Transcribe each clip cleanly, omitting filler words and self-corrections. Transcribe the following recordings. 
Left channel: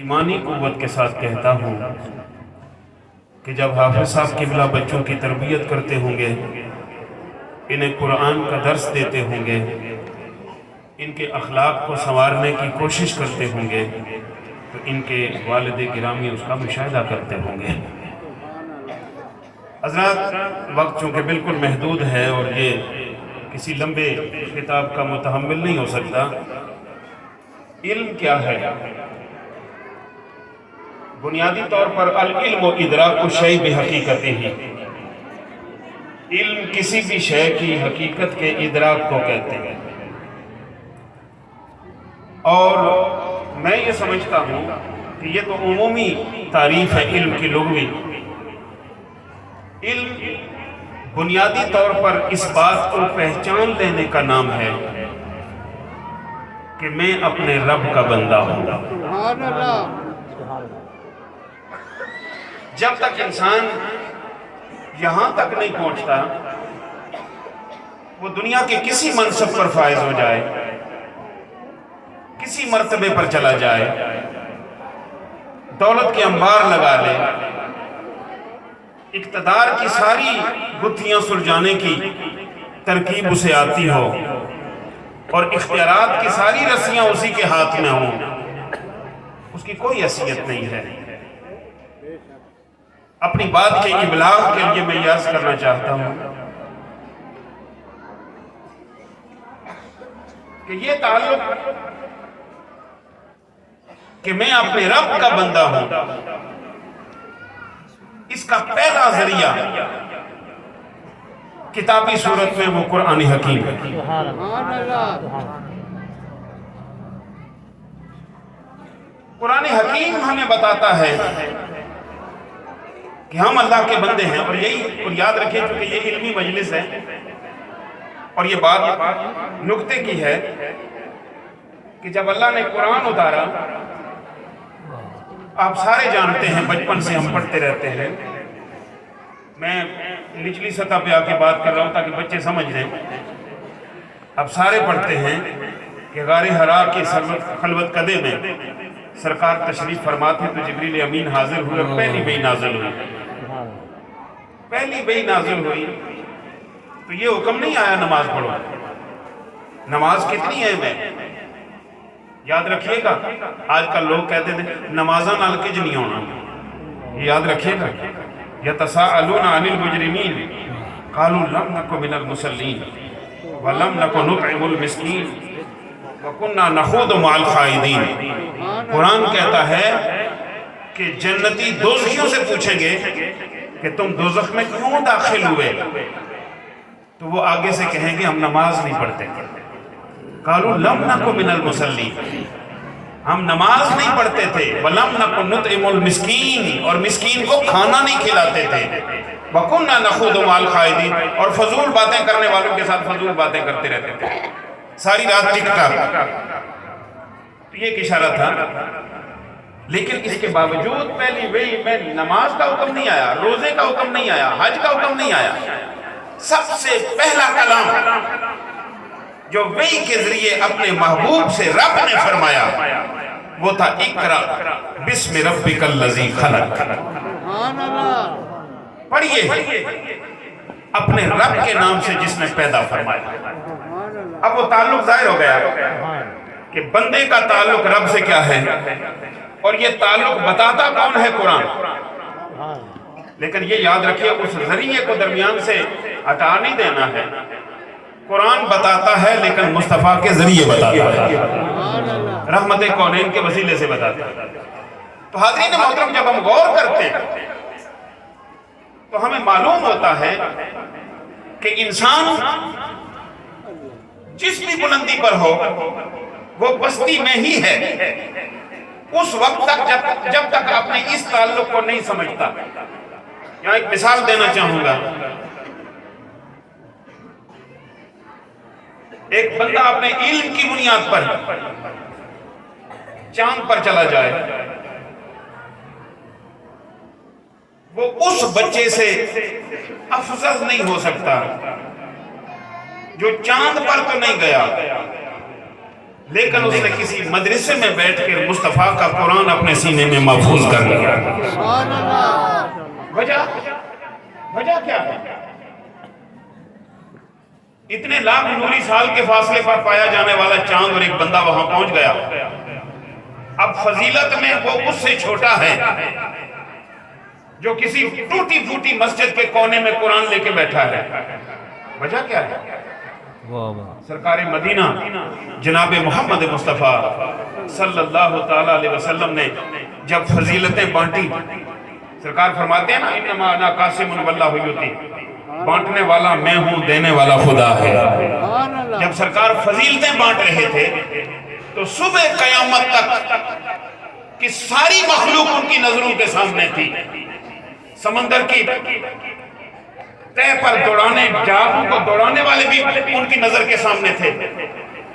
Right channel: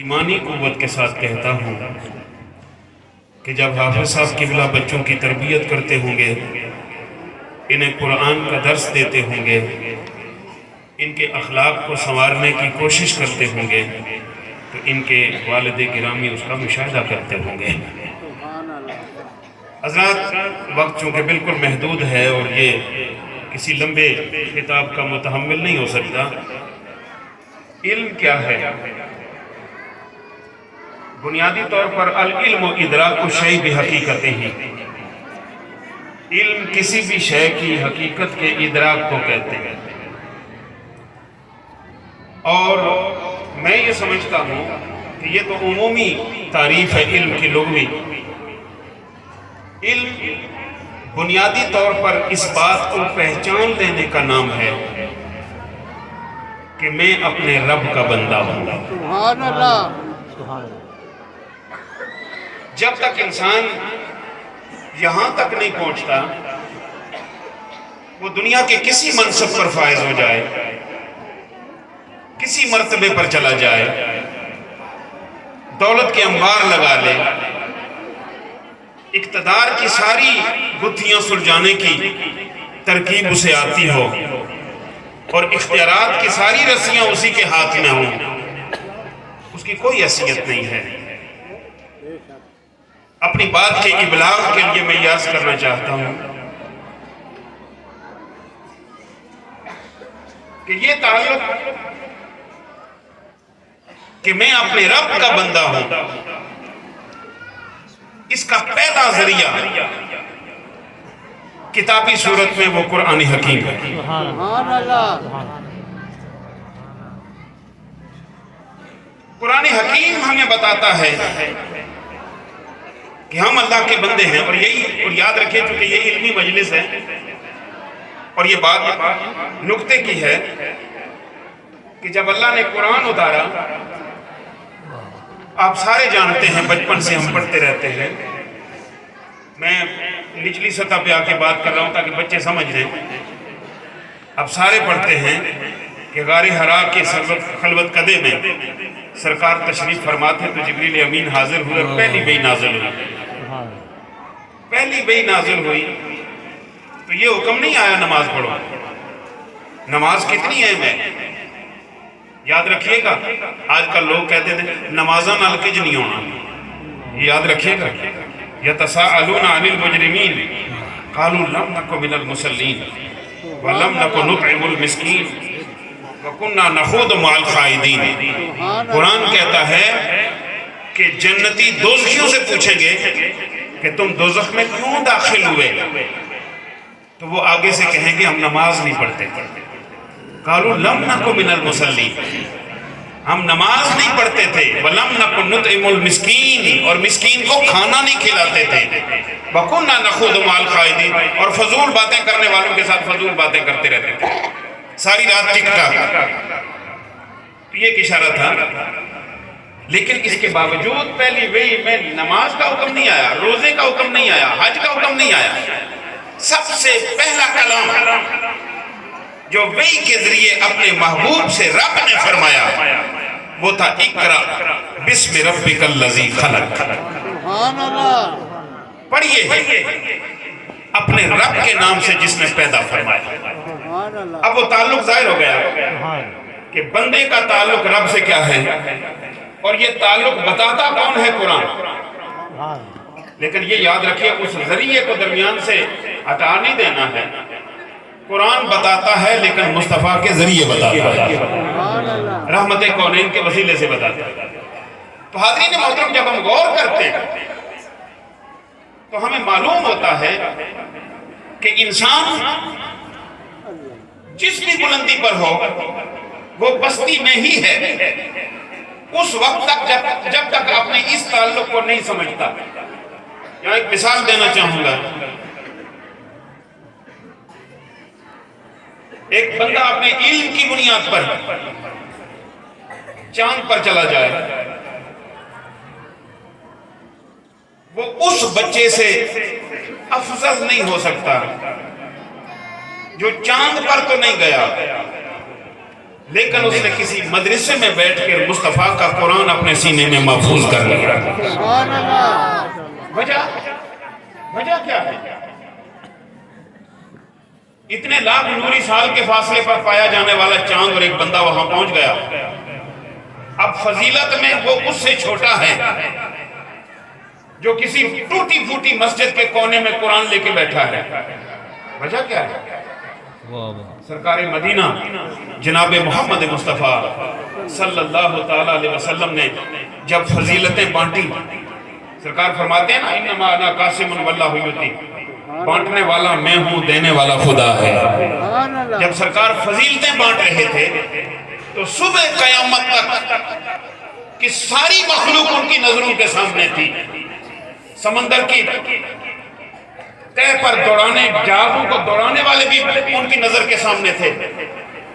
ایمانی قوت کے ساتھ کہتا ہوں کہ جب حافظ صاحب قبلہ بچوں کی تربیت کرتے ہوں گے، انہیں قرآن کا درس دیتے ہوں گے، ان کے اخلاق کو سنوارنے کی کوشش کرتے ہوں گے، تو ان کے والد گرامی اس کا مشاہدہ کرتے ہوں گے۔ حضرات، وقت چونکہ بالکل محدود ہے اور یہ کسی لمبے کتاب کا متحمل نہیں ہو سکتا۔ علم کیا ہے؟ بنیادی طور پر العلم و ادراک الشیء بحقیقتہ ہی، علم کسی بھی شے کی حقیقت کے ادراک کو کہتے ہیں۔ اور میں یہ سمجھتا ہوں کہ یہ تو عمومی تعریف ہے علم کی لغوی۔ علم بنیادی طور پر اس بات کو پہچان لینے کا نام ہے کہ میں اپنے رب کا بندہ ہوں۔ سبحان اللہ۔ جب تک انسان یہاں تک نہیں پہنچتا، وہ دنیا کے کسی منصب پر فائز ہو جائے، کسی مرتبے پر چلا جائے، دولت کے انبار لگا لے، اقتدار کی ساری گتھیاں سلجھانے کی ترکیب اسے آتی ہو اور اختیارات کی ساری رسیاں اسی کے ہاتھ میں ہوں، اس کی کوئی حیثیت نہیں ہے۔ اپنی بات کے ابلاغ کے لیے میں یہ عرض کرنا چاہتا ہوں کہ یہ تعلق کہ میں اپنے رب کا بندہ ہوں، اس کا پہلا ذریعہ کتابی صورت میں وہ قرآن حکیم ہے۔ سبحان اللہ۔ قرآن حکیم ہمیں بتاتا ہے کہ ہم اللہ کے بندے ہیں، اور یاد رکھیں چونکہ یہ علمی مجلس ہے اور یہ بات نکتے کی ہے کہ جب اللہ نے قرآن اتارا، آپ سارے جانتے ہیں، بچپن سے ہم پڑھتے رہتے ہیں، میں نچلی سطح پہ آ کے بات کر رہا ہوں تاکہ بچے سمجھ لیں۔ آپ سارے پڑھتے ہیں کہ غار حرا کے خلوت قدے میں سرکار تشریف فرماتے تو جبریل امین حاضر ہوئے اور پہلی وحی نازل ہوئی۔ پہلی وحی نازل ہوئی تو یہ حکم نہیں آیا نماز پڑھو۔ نماز کتنی اہم ہے یاد رکھیے گا۔ آج کل لوگ کہتے تھے نمازاں نال کج نہیں ہونا، یہ یاد رکھیے گا۔ یتساءلون عن المجرمین قالوا لم نک من المصلین ولم نک نطعم المسکین وَكُنَّا نَخُوضُ مَعَ الْخَائِضِينَ۔ قرآن کہتا ہے کہ جنتی دوزخیوں سے پوچھیں گے کہ تم دوزخ میں کیوں داخل ہوئے، تو وہ آگے سے کہیں گے ہم نماز نہیں پڑھتے۔ قَالُوا لَمْ نَكُ مِنَ الْمُصَلِّينَ، ہم نماز نہیں پڑھتے تھے۔ وَلَمْ نَكُ نُطْعِمُ الْمِسْكِينَ، اور مسکین کو کھانا نہیں کھلاتے تھے۔ وَكُنَّا نَخُوضُ مَعَ الْخَائِضِينَ، اور فضول باتیں کرنے والوں کے ساتھ فضول باتیں کرتے رہتے تھے، ساری رات ٹک ٹاک۔ یہ ایک اشارہ تھا، لیکن اس کے باوجود پہلی وحی میں نماز کا حکم نہیں آیا، روزے کا حکم نہیں آیا، حج کا حکم نہیں آیا۔ سب سے پہلا کلام جو وحی کے ذریعے اپنے محبوب سے رب نے فرمایا وہ تھا اقرا بسم ربک الذی خلق۔ سبحان اللہ۔ پڑھیے اپنے رب کے نام سے جس نے پیدا فرمایا۔ سبحان اللہ۔ اب وہ تعلق ظاہر ہو گیا کہ بندے کا تعلق رب سے کیا ہے، اور یہ تعلق بتاتا کون ہے؟ قرآن۔ لیکن یہ یاد رکھیے اس ذریعے کو درمیان سے ہٹا نہیں دینا ہے۔ قرآن بتاتا ہے لیکن مصطفیٰ کے ذریعے بتاتا ہے، رحمت کونین کے وسیلے سے بتاتا ہے۔ تو حاضرین محترم، جب ہم غور کرتے ہیں تو ہمیں معلوم ہوتا ہے کہ انسان جس بھی بلندی پر ہو وہ بستی میں ہی ہے اس وقت تک جب تک اپنے اس تعلق کو نہیں سمجھتا۔ یہاں ایک مثال دینا چاہوں گا۔ ایک بندہ اپنے علم کی بنیاد پر چاند پر چلا جائے، وہ اس بچے سے افضل نہیں ہو سکتا جو چاند پر تو نہیں گیا لیکن اس نے کسی مدرسے میں بیٹھ کے مصطفیٰ کا قرآن اپنے سینے میں محفوظ کر لیا۔ سبحان اللہ وجہ کیا ہے؟ اتنے لاکھ نوری سال کے فاصلے پر پایا جانے والا چاند اور ایک بندہ وہاں پہنچ گیا، اب فضیلت میں وہ اس سے چھوٹا ہے جو کسی ٹوٹی پھوٹی مسجد کے کونے میں قرآن لے کے بیٹھا ہے۔ وجہ کیا ہے؟ سرکار مدینہ جناب محمد مصطفیٰ صلی اللہ تعالیٰ علیہ وسلم نے جب فضیلتیں بانٹی، سرکار فرماتے ہیں نا انما انا قاسم واللہ یؤتی، بانٹنے والا میں ہوں، دینے والا خدا ہے۔ سبحان اللہ جب سرکار فضیلتیں بانٹ رہے تھے تو صبح قیامت تک کی ساری مخلوق ان کی نظروں کے سامنے تھی۔ سمندر کی تہ پر دوڑانے، جہازوں کو دوڑانے والے بھی ان کی نظر کے سامنے تھے،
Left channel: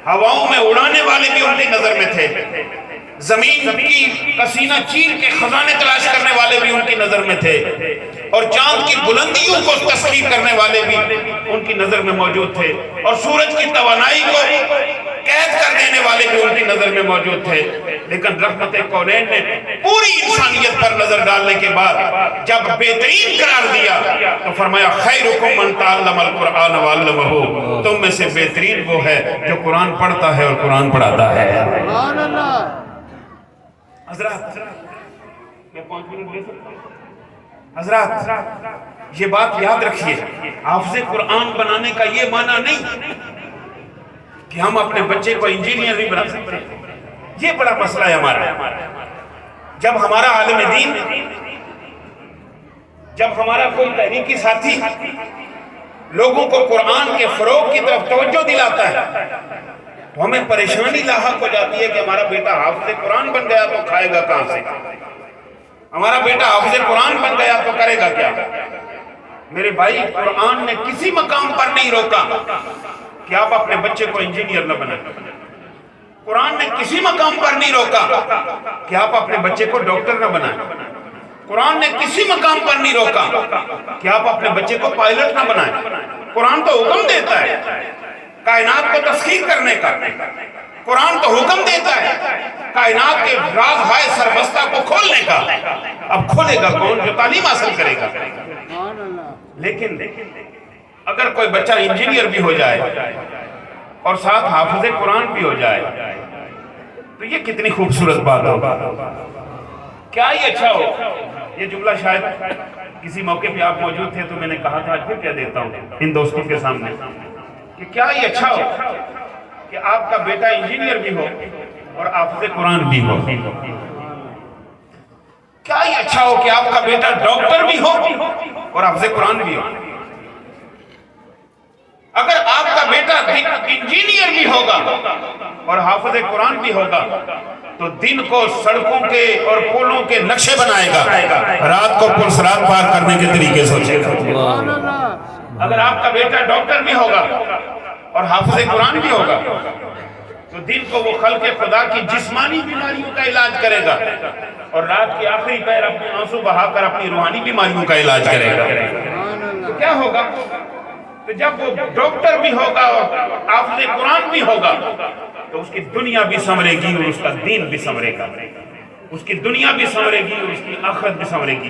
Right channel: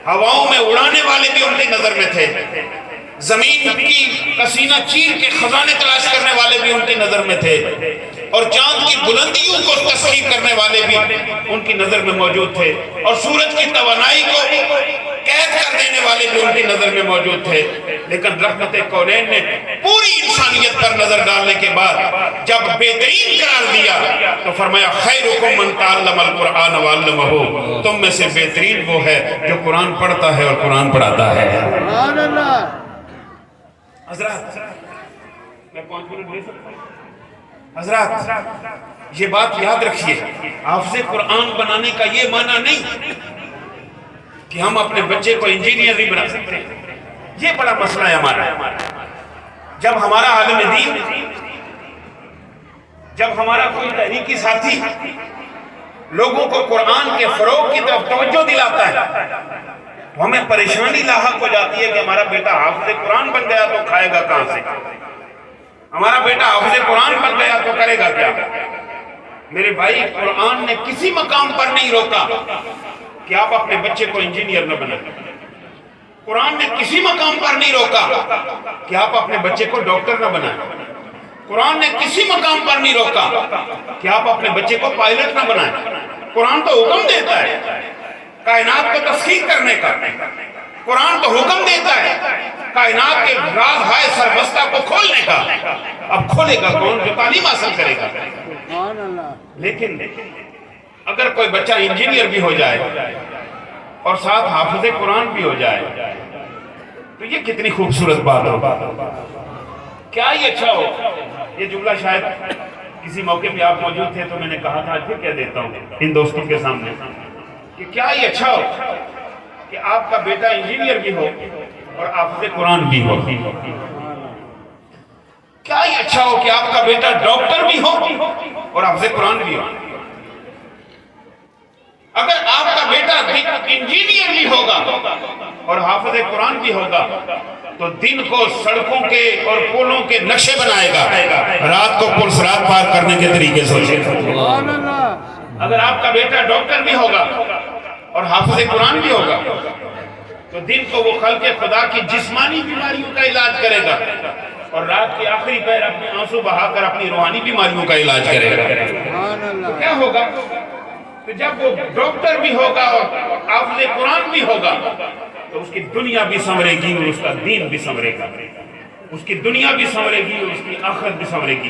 ہواؤں میں اڑانے والے بھی ان کی نظر میں تھے، زمین کی پسینہ چیر کے خزانے تلاش کرنے والے بھی ان کی نظر میں تھے، اور چاند کی بلندیوں کو تصویر کرنے والے بھی ان کی نظر میں موجود تھے، اور سورج کی توانائی کو قید کر دینے والے بھی ان کی نظر میں موجود تھے۔ لیکن رحمت کونین نے پوری انسانیت پر نظر ڈالنے کے بعد جب بہترین قرار دیا تو فرمایا خیرکم من تعلم القرآن وعلمہ، تم میں سے بہترین وہ ہے جو قرآن پڑھتا ہے اور قرآن پڑھاتا ہے۔ سبحان اللہ حضرات میں 5 منٹ دے سکتا ہوں؟ حضرات یہ بات یاد رکھیے، حافظ قرآن بنانے کا یہ معنی نہیں کہ ہم اپنے بچے کو انجینئر نہیں بنا سکتے۔ یہ بڑا مسئلہ ہے ہمارا۔ جب ہمارا عالم دین، جب ہمارا کوئی تحریکی ساتھی لوگوں کو قرآن کے فروغ کی طرف توجہ دلاتا ہے تو ہمیں پریشانی لاحق ہو جاتی ہے کہ ہمارا بیٹا حافظ قرآن بن گیا تو کھائے گا کہاں سے، ہمارا بیٹا حافظ قرآن بن گیا تو کرے گا کیا۔ میرے بھائی، قرآن نے کسی مقام پر نہیں روکا کہ آپ اپنے بچے کو انجینئر نہ بنائیں، قرآن نے کسی مقام پر نہیں روکا کہ آپ اپنے بچے کو ڈاکٹر نہ بنائیں، قرآن نے کسی مقام پر نہیں روکا کہ آپ اپنے بچے کو پائلٹ نہ بنائیں۔ قرآن تو حکم دیتا ہے کائنات کو تسخیر کرنے کا، قرآن تو حکم دیتا ہے کائنات کے راز ہائے سربستہ کو کھولنے کا۔ اب کھولے گا کون؟ جو تعلیم حاصل کرے گا۔ سبحان اللہ لیکن اگر کوئی بچہ انجینئر بھی ہو جائے اور ساتھ حافظ قرآن بھی ہو جائے تو یہ کتنی خوبصورت بات ہو، کیا ہی اچھا ہو۔ یہ جملہ شاید کسی موقع پہ آپ موجود تھے تو میں نے کہا تھا، پھر کہہ دیتا ہوں ان دوستوں کے سامنے کہ کیا ہی اچھا ہو کہ آپ کا بیٹا انجینئر بھی ہو اور حافظ قرآن بھی ہو، کیا ہی اچھا ہو کہ آپ کا بیٹا ڈاکٹر بھی ہو اور حافظ قرآن بھی ہو۔ اگر آپ کا بیٹا انجینئر بھی ہوگا اور حافظ قرآن بھی ہوگا تو دن کو سڑکوں کے اور پلوں کے نقشے بنائے گا، رات کو پل صراط پار کرنے کے طریقے سے۔ سبحان اللہ اگر آپ کا بیٹا ڈاکٹر بھی ہوگا اور حافظ قرآن بھی ہوگا تو دن کو وہ خلق خدا کی جسمانی بیماریوں کا علاج کرے گا اور رات کی آخری پہر اپنے آنسو بہا کر اپنی روحانی بیماریوں کا علاج کرے گا۔ سبحان اللہ تو کیا ہوگا کہ جب وہ ڈاکٹر بھی ہوگا اور حافظ قرآن بھی ہوگا تو اس کی دنیا بھی سنورے گی اور اس کا دین بھی سنورے گا، اس کی دنیا بھی سنورے گی اور اس کی آخرت بھی سنورے گی۔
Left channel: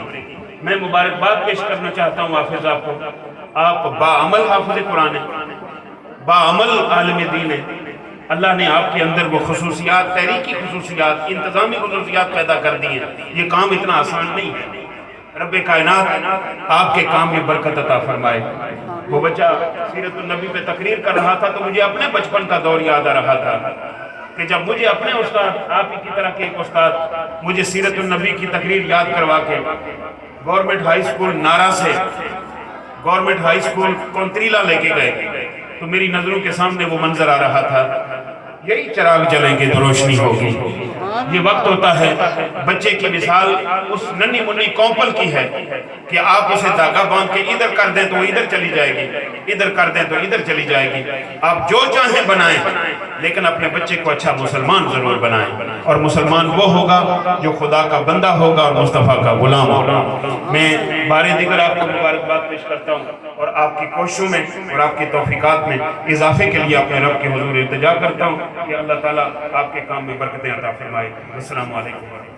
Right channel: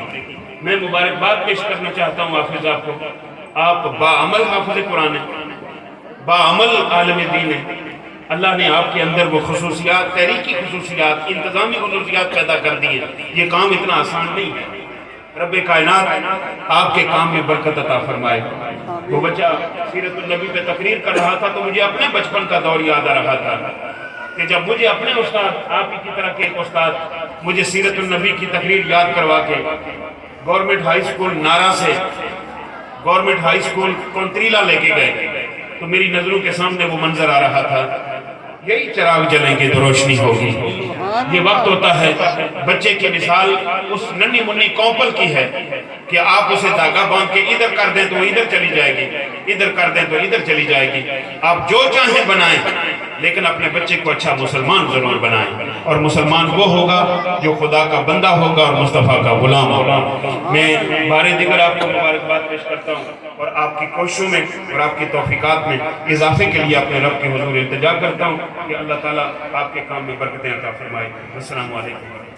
میں مبارکباد پیش کرنا چاہتا ہوں حافظ آپ کو، آپ باعمل حافظ قرآن ہیں، باعمل عالم دین ہیں۔ اللہ نے آپ کے اندر وہ خصوصیات، تحریکی خصوصیات، انتظامی خصوصیات پیدا کر دی ہیں۔ یہ کام اتنا آسان نہیں ہے۔ رب کائنات آپ کے کام میں برکت عطا فرمائے۔ وہ بچہ سیرت النبی پہ تقریر کر رہا تھا تو مجھے اپنے بچپن کا دور یاد آ رہا تھا کہ جب مجھے اپنے استاد، آپ ہی کی طرح کے ایک استاد مجھے سیرت النبی کی تقریر یاد کروا کے گورنمنٹ ہائی سکول نارا سے گورنمنٹ ہائی سکول کونتریلا لے کے گئے تو میری نظروں کے سامنے وہ منظر آ رہا تھا، یہی چراغ جلیں گے تو روشنی ہوگی، یہ وقت ہوتا ہے بچے کی مثال اس ننھی منی کوپل کی ہے کہ آپ اسے دھاگا باندھ کے ادھر کر دیں تو وہ ادھر چلی جائے گی، ادھر کر دیں تو ادھر چلی جائے گی۔ آپ جو چاہیں بنائیں لیکن اپنے بچے کو اچھا مسلمان ضرور بنائیں، اور مسلمان وہ ہوگا جو خدا کا بندہ ہوگا اور مصطفیٰ کا غلام ہوگا۔ میں بارے دیگر آپ کو مبارکباد پیش کرتا ہوں اور آپ کی کوششوں میں اور آپ کی توفیقات میں اضافے کے لیے اپنے رب کے حضور التجا کرتا ہوں کہ اللہ تعالیٰ آپ کے کام میں برکتیں عطا فرمائے۔ السلام علیکم۔